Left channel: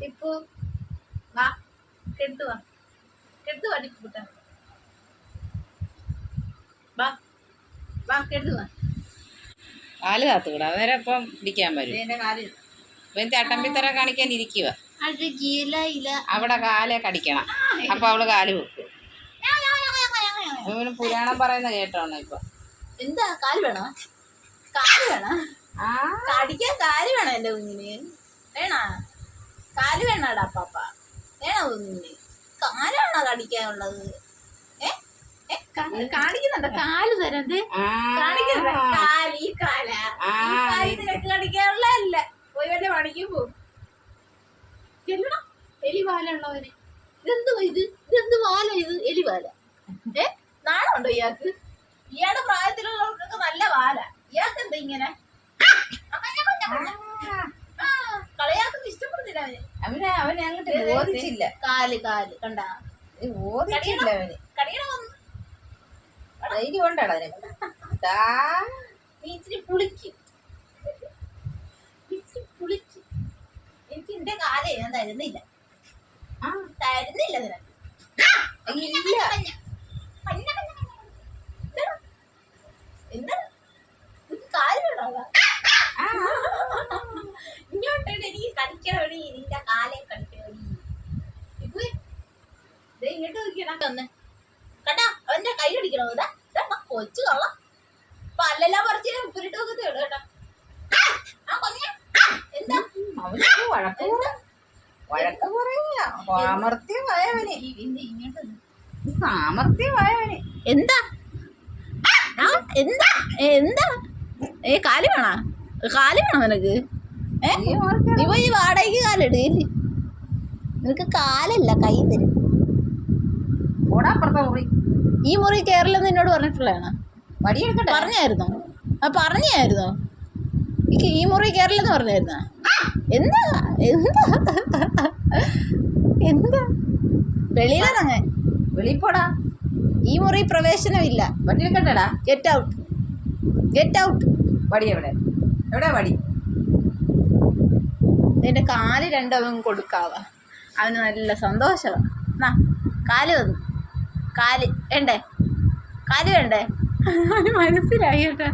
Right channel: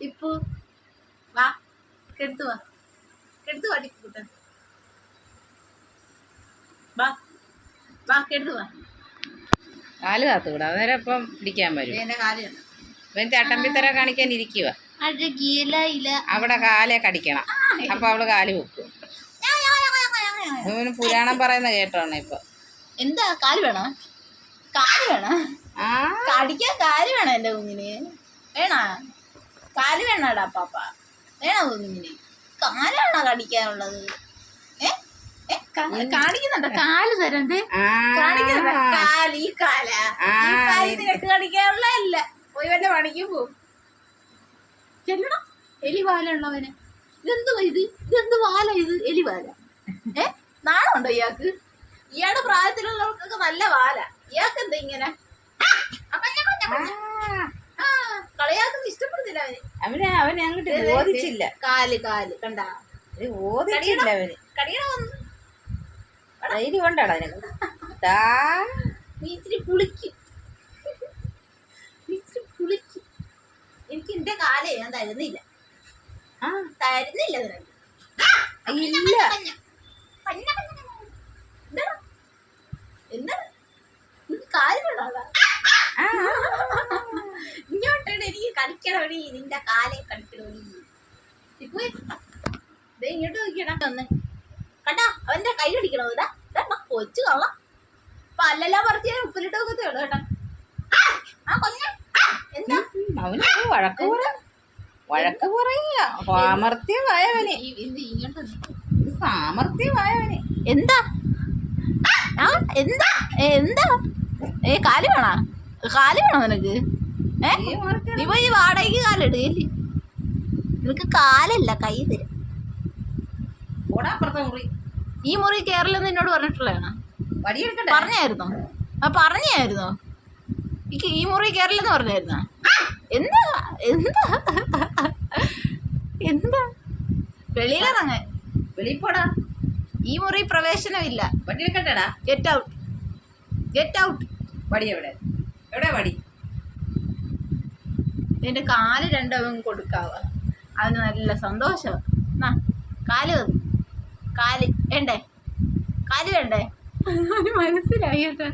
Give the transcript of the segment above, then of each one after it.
ടിപ്പു വാ, കെടുത്തു വാ, കെടുത്തു വാ ടിപ്പു കുട്ട, വാ വാ, കെടുത്തു വാ. കാല് കാത്തുകൂടാ, അന്നേരം ഇപ്പം പിടിക്കാൻ വരും. എന്റെ കാല് ഇവൻ ചട്ടമ്പിത്തര കാണിക്കാൻ ഇരിക്കുക. അവിടെ കാലെ കടിക്കണം, അപ്പൊ അവള് കാല് വെക്കും. ഇവന് പുരാണം പറയുന്ന കേട്ടോണ ഇപ്പൊ. എന്താ കാല് വേണോ? കാല് വേണോ? കടിക്കാൻ കാല് വേണോ എന്റെ കുഞ്ഞിന്? വേണോ കാല്? വേണോടാ പാപ്പ? വേണോ കുഞ്ഞിന് കാലാണോ കടിക്കാനുള്ളത്? കാണിക്കുന്നുണ്ടോ? കാല് തരണ്ട് കാണിക്കുന്നുണ്ടോ? കാല്, ഈ കാല, ഈ കാല് നിനക്ക് കടിക്കാനുള്ളതല്ല. പോയി വല്ല പണിക്കും പോവും. ചെല്ലണം. എലിവാലുള്ളവന് ഇതെന്തുവാ ഇത്? ഇതെന്ത് വാല ഇത്? എലിവാല. നാണമുണ്ടോ ഇയാൾക്ക്? ഇയാളുടെ പ്രായത്തിലുള്ളവർക്കൊക്കെ നല്ല വാല, ഇയാൾക്ക് എന്താ ഇങ്ങനെ? കളിയാക്കുന്ന ഇഷ്ടപ്പെടുന്നില്ല അവന്. അവനെ അങ്ങോട്ട് ഓദിച്ചില്ല. കാല് കാല് കണ്ട ഓദിച്ചില്ല അവന്. കടിയണ വന്ന് ധൈര്യം കൊണ്ടാണ് അതിനൊക്കെ. നീ ഇച്ചിരി പുളിക്കും, ഇച്ചിരി പുളിക്കും. എനിക്ക് എന്റെ കാലേ ഞാൻ തരുന്നില്ല, തരുന്നില്ല നിനക്ക്. എന്താ കാല് വേണോടാ? ഇങ്ങോട്ടാണ് എനിക്ക് കടിക്കണവടി, നിന്റെ കാലെ കടിക്കണവടി. ഇപ്പൊ ഇങ്ങോട്ട് നോക്കിയടാ വന്ന് കണ്ടാ അവന്റെ കൈ കടിക്കണോ? ഇതാ കൊച്ചു കള പല്ലെല്ലാം പറിച്ച് ഉപ്പിലിട്ട് നോക്കത്തേ ഉള്ളു കേട്ടാ. എന്താ വഴക്ക് പറയാ? സാമർത്ഥ്യമായവന്, ഇങ്ങോട്ട് സാമർത്ഥ്യമായവന്. എന്താ എന്താ എന്താ കാല് വേണോ? കാല് വേണോ നിനക്ക്? ഇപ്പൊ ഈ വാടകയ്ക്ക് കാലിടുകയില്ലേ? നിനക്ക് കാലില്ല, കൈ തരും. ഓടാപ്പുറത്തെ മുറി, ഈ മുറി കേരളം എന്നോട് പറഞ്ഞിട്ടുള്ളതാണ്. വടിയെടുക്കട്ടെ? പറഞ്ഞായിരുന്നോ? പറഞ്ഞായിരുന്നോ? ഈ മുറി കേരളം എന്ന് പറഞ്ഞായിരുന്നോ? എന്താ എന്താ എന്താ? വെളിയിലിറങ്ങാൻ. വെളിപ്പോടാ, ഈ മുറി പ്രവേശനമില്ല. വടിയെടുക്കട്ടെടാ? Get out, get out. വടി എവിടെ? എവിടെ വടി? നിന്റെ കാല് രണ്ടവൻ കൊടുക്കാവാ, അവന് നല്ല സന്തോഷമാ. കാല് വന്നു. കാല് വേണ്ടേ? കാല് വേണ്ടേ? അവന് മനസ്സിലായി കേട്ടാ.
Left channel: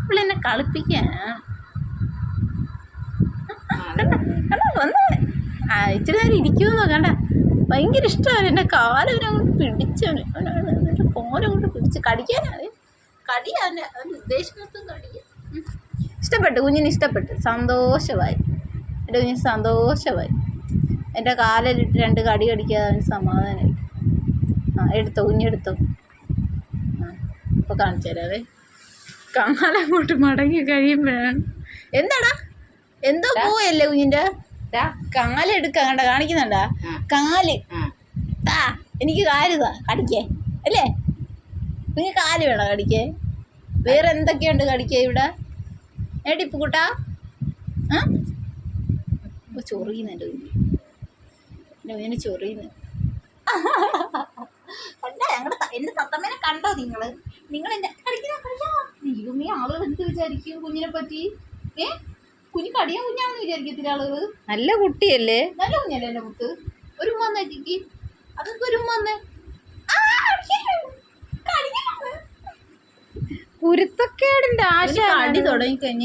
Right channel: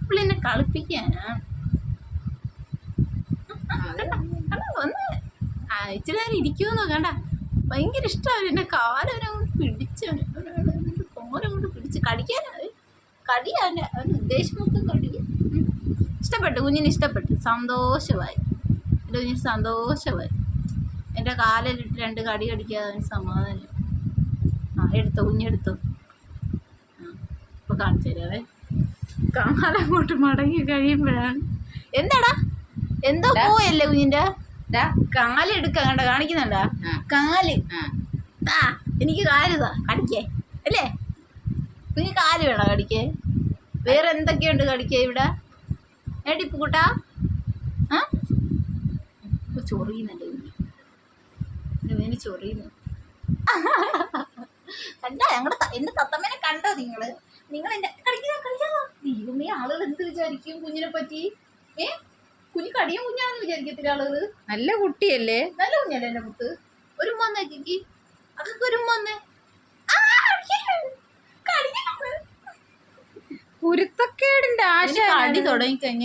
അപ്പോൾ എന്നെ കളിപ്പിക്കാനാ. വന്നേ ഇച്ചിരി നേരം ഇരിക്കുമെന്നോ കണ്ട. ഭയങ്കര ഇഷ്ടമാണ് എൻ്റെ കാലവനങ്ങോട്ട് പിടിച്ചവന്. അവൻ്റെ കോലങ്ങോട്ട് പിടിച്ച് കടിക്കാനാണ്. കടിയാ അവൻ്റെ ഉദ്ദേശം മൊത്തം കടിക്കാൻ. ഇഷ്ടപ്പെട്ടു, കുഞ്ഞിന് ഇഷ്ടപ്പെട്ടു, സന്തോഷമായി. എൻ്റെ കുഞ്ഞിന് സന്തോഷമായി. എൻ്റെ കാലിലിട്ട് 2 കടി കടിക്കാതെ അവന് സമാധാനമായി. എടുത്തോ കുഞ്ഞെടുത്തോ. ഇപ്പോൾ കാണിച്ചു തരാവേ. കാലങ്ങോട്ട് മടങ്ങി കഴിയുമ്പോഴാണ്. എന്താടാ എന്തോ പോയല്ലേ കുഞ്ഞിൻ്റെ? കാലെടുക്ക കണ്ട, കാണിക്കുന്നുണ്ടാ കാല്? എനിക്ക് കാലുതാ കടിക്കേ അല്ലേ? കുഞ്ഞ് കാല് വേണോ കടിക്കേ? വേറെ എന്തൊക്കെയുണ്ട് കടിക്കേ ഇവിടെ? ടിപ്പു കൂട്ടാ ചൊറിയുന്നു എൻ്റെ കുഞ്ഞ്. എൻ്റെ കുഞ്ഞിന് ചൊറിയുന്നു. കണ്ടോ എൻ്റെ തത്തമ്മനെ കണ്ടോ നിങ്ങൾ? എൻ്റെ ദൈവമേ, ആളുകൾ എന്ത് വിചാരിക്കും കുഞ്ഞിനെ പറ്റി? കുഞ്ഞ് കടിയ കുഞ്ഞാണെന്ന് വിചാരിക്കത്തില്ല ആളുകൾ. നല്ല കുട്ടിയല്ലേ? നല്ല കുഞ്ഞല്ലേ എൻ്റെ മുത്ത്? ഒരു ഉമ്മ ചേച്ചിക്ക്, അതൊക്കെ ഒരു ഉമ്മ. കുരുത്തക്കേടിന്റെ ആശ അടി തുടങ്ങി കഴിഞ്ഞ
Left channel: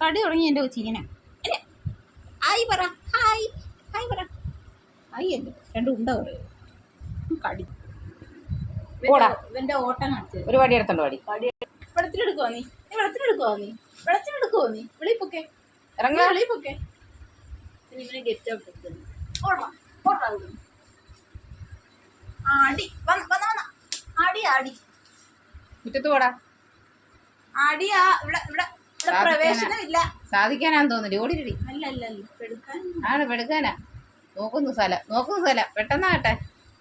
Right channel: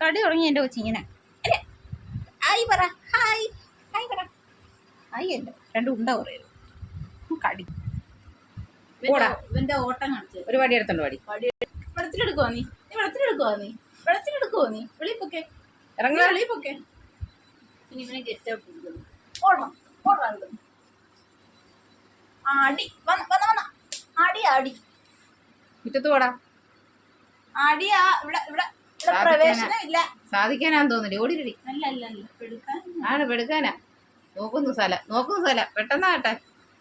കടി തുടങ്ങി എൻ്റെ കൊച്ചി ഇങ്ങനെ. ഹായ് പറ, ഹായ് ഹായ് പറ. ഹായ് അല്ല, 2 ഉണ്ട കുറയും കടി. ഇവന്റെ ഓട്ടം കാണിച്ചു. ഒരു വടി എടുത്തോണ്ട് വടി. വെള്ളത്തിലെടുക്കുവോ നീ? വെളിപ്പൊക്കെ ഇറങ്ങ, വെളിപ്പൊക്കെ. ഇവനെ ഗെറ്റ് ഔട്ട് എടുക്കുന്നു. ആടി വന്ന ആടി ആടി മുറ്റത്ത് പോടാ. ആടിയാ ഇവിടെ ഇവിടെ ഇവിടെ പ്രവേശനമില്ല. സാധിക്കാനാന്ന് തോന്നില്ല. ഓടിരടി. അല്ല അല്ല അല്ല, എടുക്കാനാ. നോക്കുന്നു സ്ഥലം പെട്ടെന്നാകട്ടെ.